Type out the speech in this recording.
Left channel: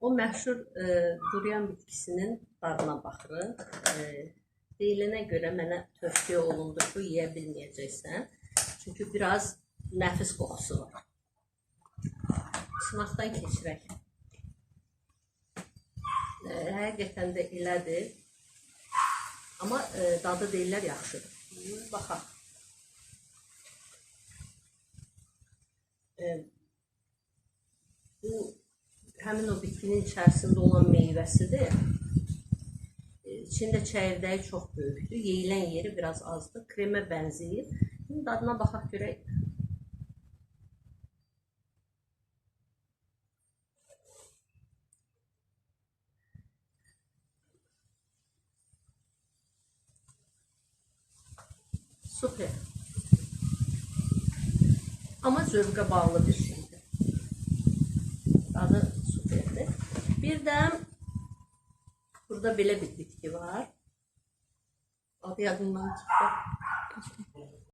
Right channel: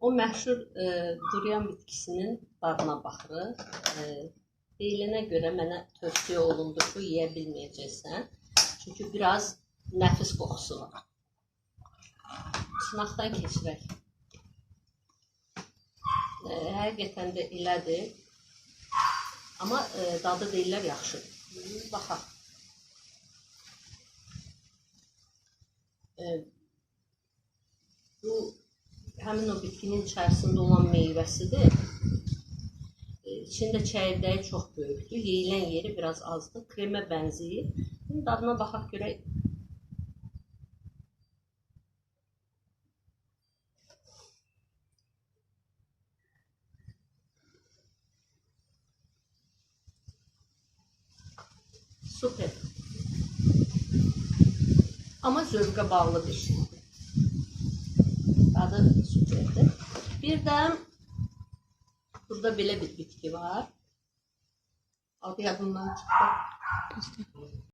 O məşhur durian bitkisinin dadına baxırıq. Deyilənə görə mənə tövsiyə olundu ki, yeyə bilməyəcəksən. Çünki biraz nəfis qoxusu var. Sınaqdan keçirək. Həqiqətən də elədir. Amma dadı deyirlər yaxşıdır. Baxaq. Bu həmin o bitkinin içərisində olan meyvəsidir. İçində çəyirdəyi çox böyükdür. Yeyilən yeri biraz azdır. Kremə bənzəyir. Şimdi dadına baxaq görək. Super. Amma zövqə bağlı bir şeydir. Dadı superdir. Bir də burada belə bir bitki var. Adı yadımdan çıxdı.